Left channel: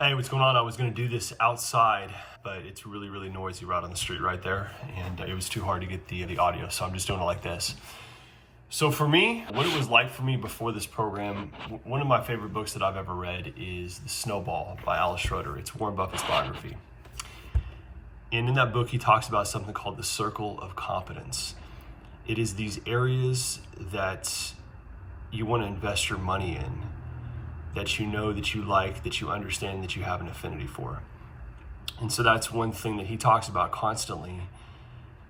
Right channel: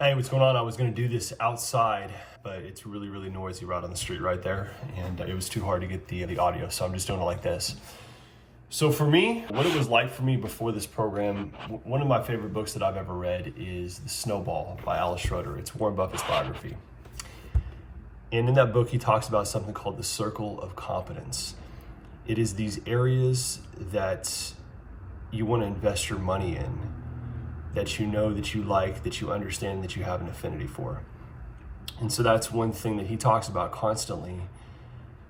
Hey, what's going on? I was going to do this outside, but it's really, really noisy right on the street right there. And it was too hard to get the audio, so I'm just doing it like this. So for me, what it was like for me before this program, one of my favorite books that I've ever read is The Snowball by Alice Schroeder. It's Warren Buffett's biography. And in that book, he talks about something called the circle of competence. It is these areas that you want to invest your money in, that you know, that you like, that you understand, that you have an affinity for. And so that's one thing that he talks about constantly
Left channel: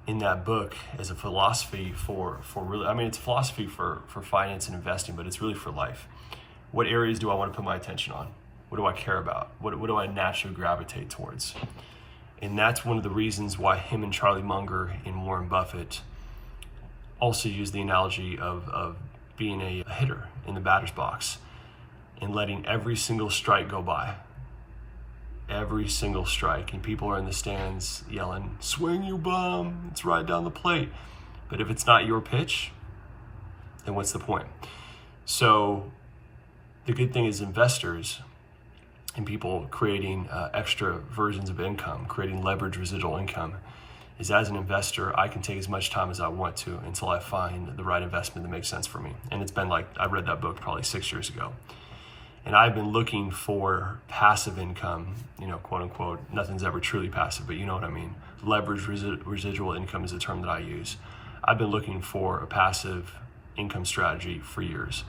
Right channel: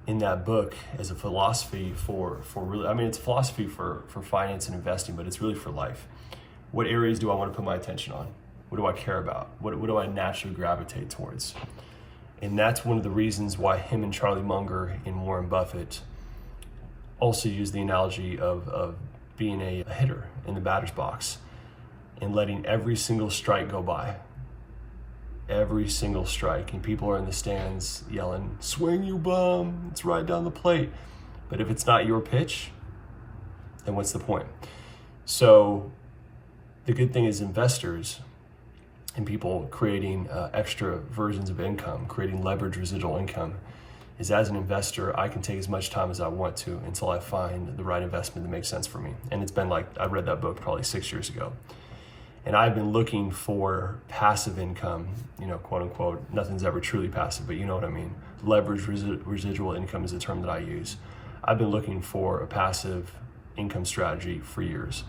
in that book as a philosophy for really, I mean, it's a philosophy for finance and investing, but it's really for life. What areas do I want to put my attention on? What do I care about? What do I naturally gravitate towards? And that's one of the reasons why him and Charlie Munger and Warren Buffett also use the analogy of being a hitter in the batter's box and letting every single strike go by. Every single strike. And people are in the stands yelling, "Swing, you bum, it's right down the plate." But if it's not your pitch, then what's the point? So the good thing is investors and people creating extra versions of income, creating leverage residual income, is as an investor, I can take as much time as I want to until I find the right investment that makes sense for me. And it's been like, I read that book probably 6 years ago. And I've been looking for passive income, quote unquote. Nothing's ever truly passive, but you know what I mean. Leverage residual income is the term that I use. I've been looking for a passive income strategy for years.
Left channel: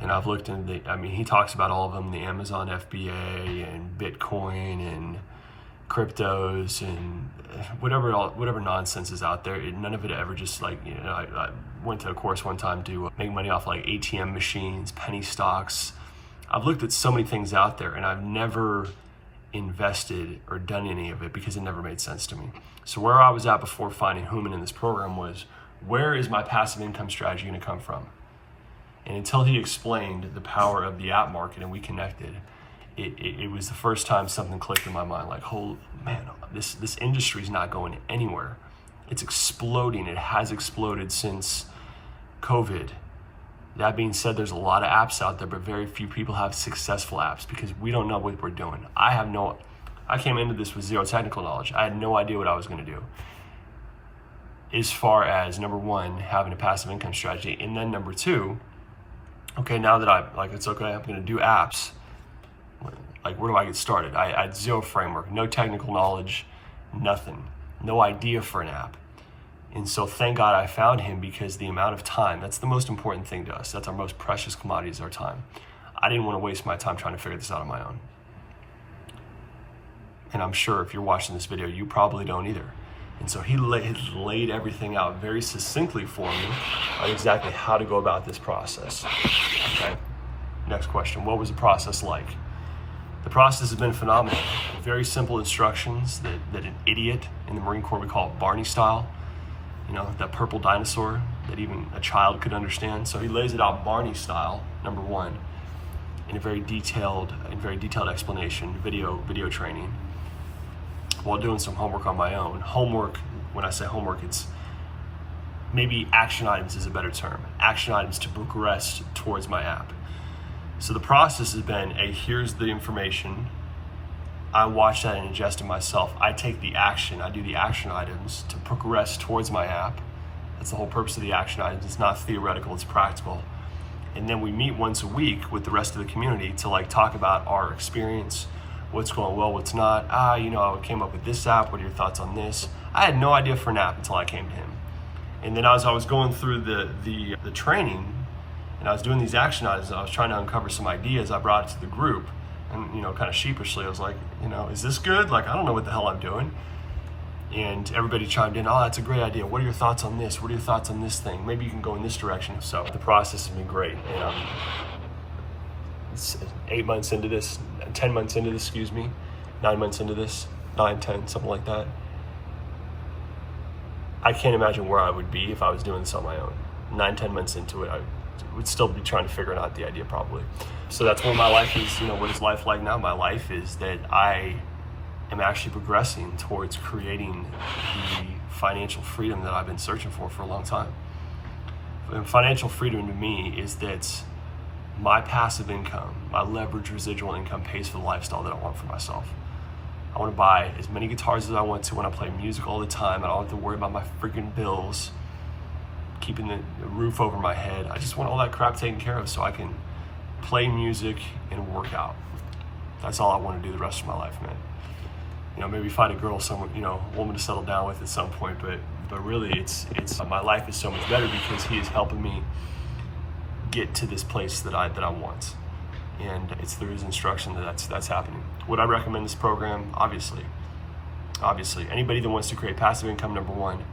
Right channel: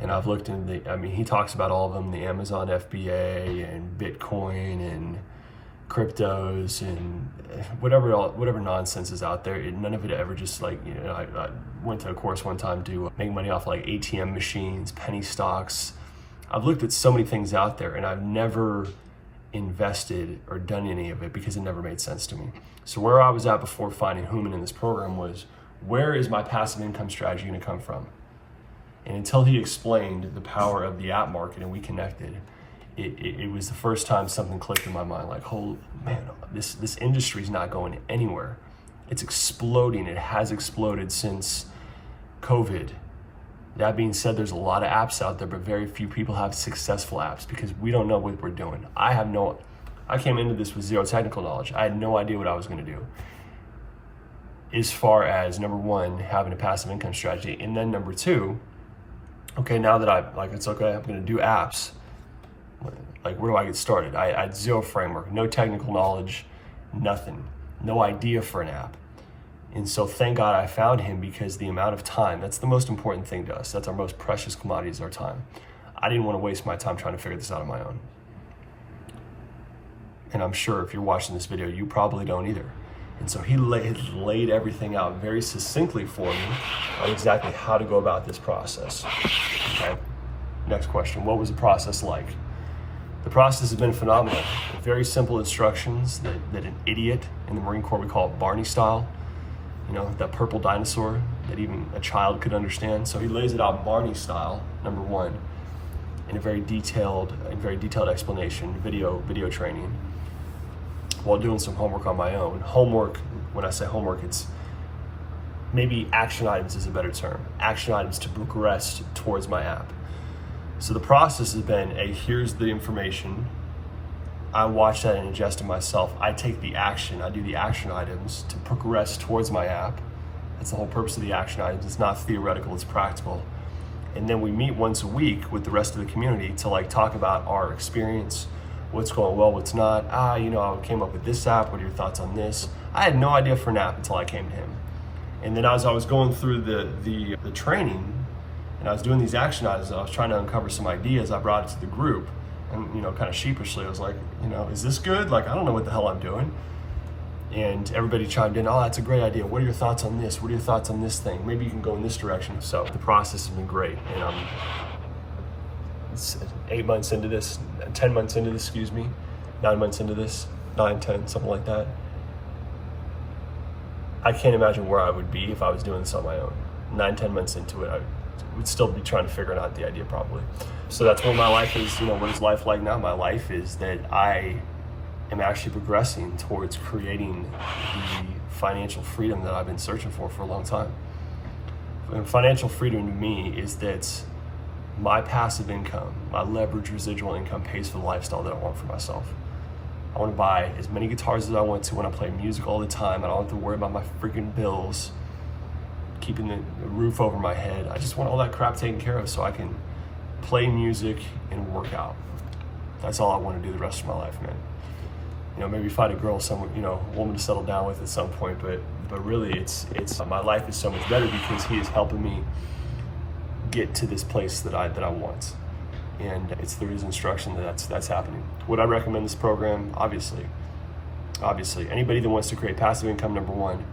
And I've looked into he talks about all of them, the Amazon FBA and Bitcoin and cryptos and whatever nonsense is out there. None of it ever just I went to a course one time to make money off like ATM machines, penny stocks. I've looked at so many things out there and I've never invested or done any of it because it never made sense to me. So where I was at before finding Human in this program was, where is my passive income strategy going to come from? And until he explained the power of the app market and we connected, it was the first time something clicked in my mind, like, oh man, this industry is not going anywhere. It's exploding. It has exploded since COVID. That being said, there's a lot of apps out there, but very few people have successful apps because we don't know what we're doing. I came into this with zero technical knowledge. I had no idea what I was going to do. As far as number one, having a passive income strategy, and then number two, okay, now that it's okay, I'm going to do apps. Like, where do I get started? I had zero framework, no technical knowledge, nothing, no idea for an app. And so thank God I found him, because the amount of time, that's the most important thing to us. That's our most precious commodity, is our time. I didn't want to waste my time trying to figure this out on my own. And I'm sure if you're watching this video, you probably don't either. And so he laid everything out very succinctly for me on exactly how to go about this process. Okay, next question. What was the process like? The process has been phenomenal. Very simple instructions that an idiot in the Marine Corps would call it Barney style. That purple dinosaur that even a child could understand. So he lays it out Barney style, number one, in a very detailed explanation, video training, while doing some homework on my own. Homework, when I say homework, it's maybe action items is a better term. Action items to progress towards my app. So the process has been, here's the information. I watch that and ingest it myself. I take the action. I do the action items to progress towards my app. That's the whole purpose of the action items. It's not theoretical, it's practical. And then we meet once a week with the rest of the community to talk about our experience, what's going well, what's not. I came up with this app. What are your thoughts on this? I had no idea for an app until I came to him. And then as I was going through the training and I was doing these action items, and I was trying to uncover some ideas, I brought it to the group. And, kind of sheepishly, I was like, is this good? I don't know what the hell I'm doing. And everybody chimed in, oh, that's a great idea. What are your thoughts on this? What are your thoughts on this thing? Maybe you can go in this direction. So the process has been great. And I'm 8 months into this, 10 months into this, 9 months into this, 9, 10, something like that. I can't imagine where I would be if I was doing this on my own. 9, 10 months into it, I would still be trying to figure out the idea probably. So that's where my life is. What is life like now? My life is that I am actually progressing towards creating the financial freedom that I've been searching for a long time. And financial freedom to me is that my passive income, my leverage residual income pays for the lifestyle that I want for myself. I want to buy as many guitars as I want to when I play music all the time. I don't have to worry about my freaking bills, keeping the roof over my head. I just want all that crap taken care of so I can play music and work out. That's all I want to do the rest of my life, man. Maybe find a girl, someone, a woman to settle down with at some point, but really it's my life is so much better because he is helping me get to this place that I want. And it's through his instruction that's happening. Would I recommend this program? Obviously. Anybody that wants to create passive income, number one,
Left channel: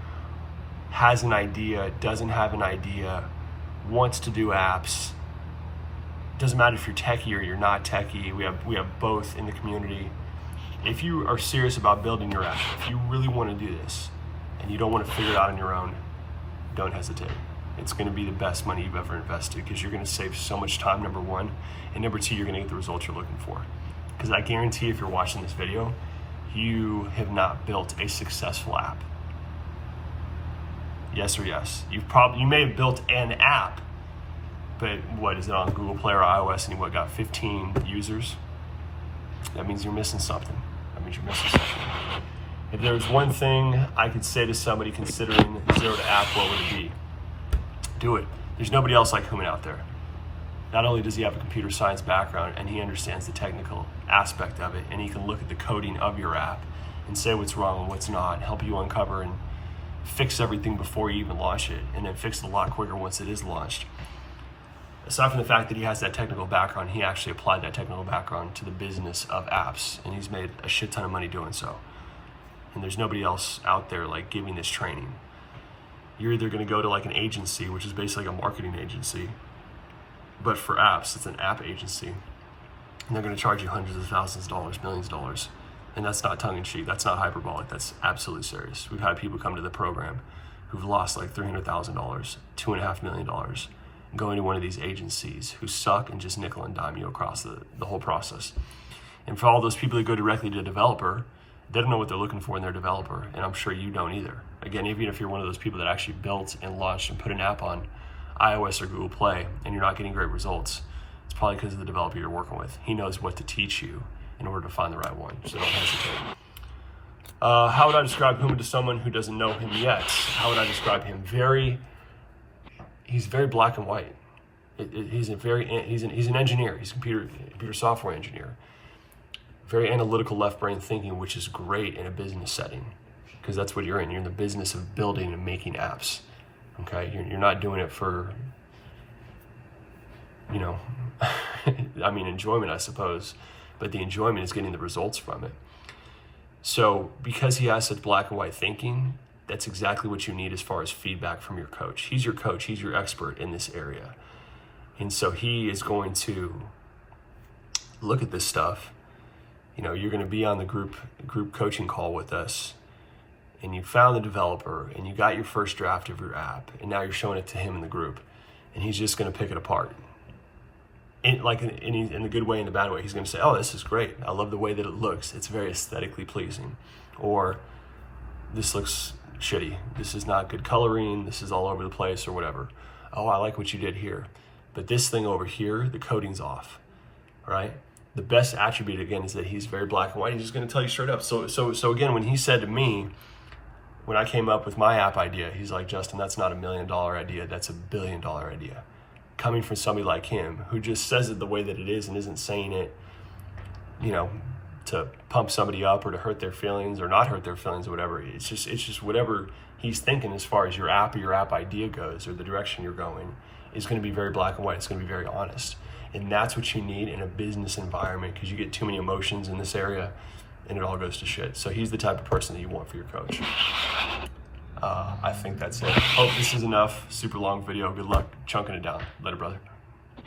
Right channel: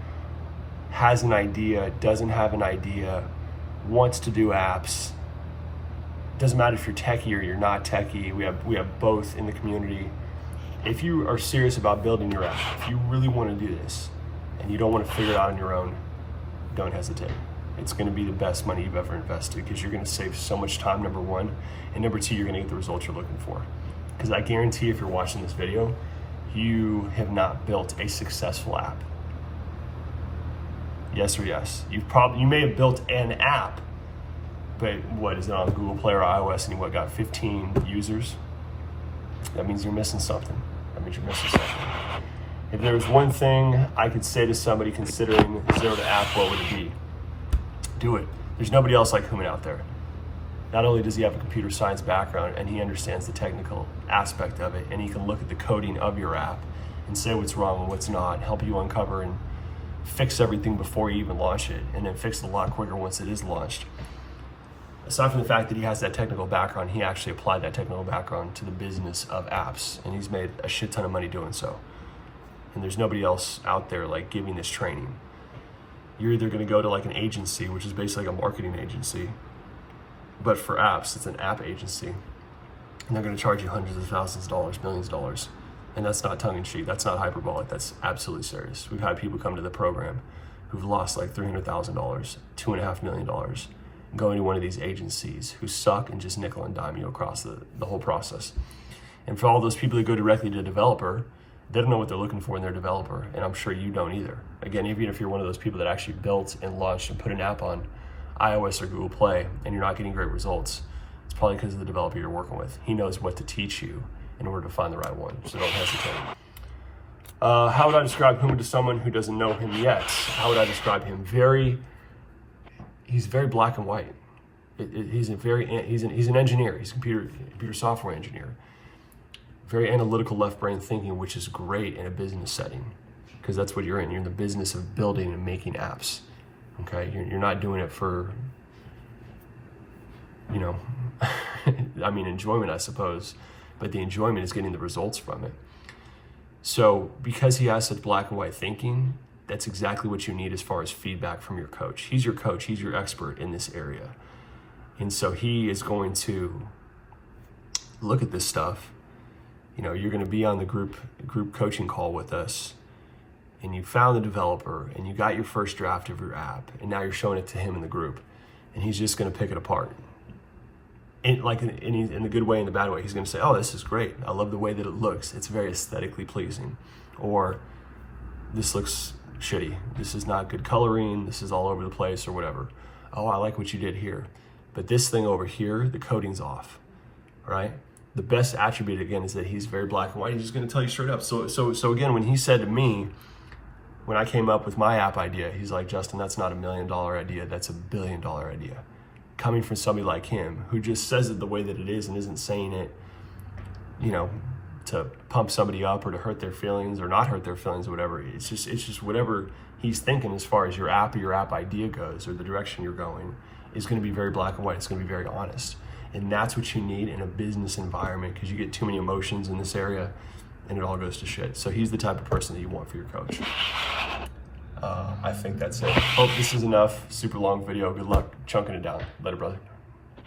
has an idea, doesn't have an idea, wants to do apps. Doesn't matter if you're techie or you're not techie. We have both in the community. If you are serious about building your app, if you really want to do this and you don't want to figure it out on your own, don't hesitate. It's going to be the best money you've ever invested because you're going to save so much time, number one. And number two, you're going to get the results you're looking for. Because I guarantee if you're watching this video, you have not built a successful app. Yes or yes. You may have built an app, but what is it on Google Play or iOS and you got 15 users? That means you're missing something. If there was one thing I could say to somebody considering zero to app, what would it be? Do it. There's nobody else like Human out there. Not only does he have a computer science background and he understands the technical aspect of it, and he can look at the coding of your app and say what's wrong and what's not, help you uncover and fix everything before you even launch it, and then fix it a lot quicker once it is launched. Aside from the fact that he has that technical background, he actually applied that technical background to the business of apps, and he's made a shit ton of money doing so. And there's nobody else out there like giving this training. You're either going to go to like an agency, which is basically like a marketing agency, but for apps, it's an app agency, and they're going to charge you hundreds of thousands of dollars, millions of dollars. And that's not tongue-in-cheek, that's not hyperbolic, that's absolutely serious. We've had people come to the program who've lost like $300,000, $2.5 million, going to one of these agencies who suck and just nickel and dime you across the whole process. And for all those people that go directly to a developer, they don't know what they're looking for in their developer, and I'm sure you don't either. Again, even if you're one of those people that actually built and launched and put an app on iOS or Google Play and you're not getting great results, it's probably because of the developer you're working with. He knows what to teach you in order to find the right one, so don't hesitate. How would I describe Human to someone who doesn't know him yet? How would I describe him? He's very black and white. He's an engineer. He's a computer software engineer. Very analytical left brain thinking, which is great in a business setting because that's what you're in. You're in the business of building and making apps. Okay, you're not doing it for, enjoyment, I suppose, but the enjoyment is getting the results from it. So because he has such black and white thinking, that's exactly what you need as far as feedback from your coach. He's your coach, he's your expert in this area. And so he is going to look at this stuff. You're going to be on the group coaching call with us, and you found the developer, and you got your first draft of your app, and now you're showing it to him in the group, and he's just going to pick it apart. In the good way and the bad way. He's going to say, oh, this is great. I love the way that it looks. It's very aesthetically pleasing. Or this looks shitty. This is not good coloring. This is all over the place or whatever. Oh, I like what you did here. But this thing over here, the coding's off, all right? The best attribute, again, is that he's very black and white. He's just going to tell you straight up. So again, when he said to me, when I came up with my app idea, he's like, Justin, that's not $1 million idea. That's $1 billion idea. Coming from somebody like him who just says it the way that it is and isn't saying it, to pump somebody up or to hurt their feelings or not hurt their feelings or whatever. It's just whatever he's thinking as far as your app or your app idea goes or the direction you're going is going to be very black and white. It's going to be very honest. And that's what you need in a business environment because you get too many emotions in this area and it all goes to shit. So he's the type of person that you want for your coach. I think that's it. Hope this is enough. Super long video. Good luck chunking it down. Later, brother.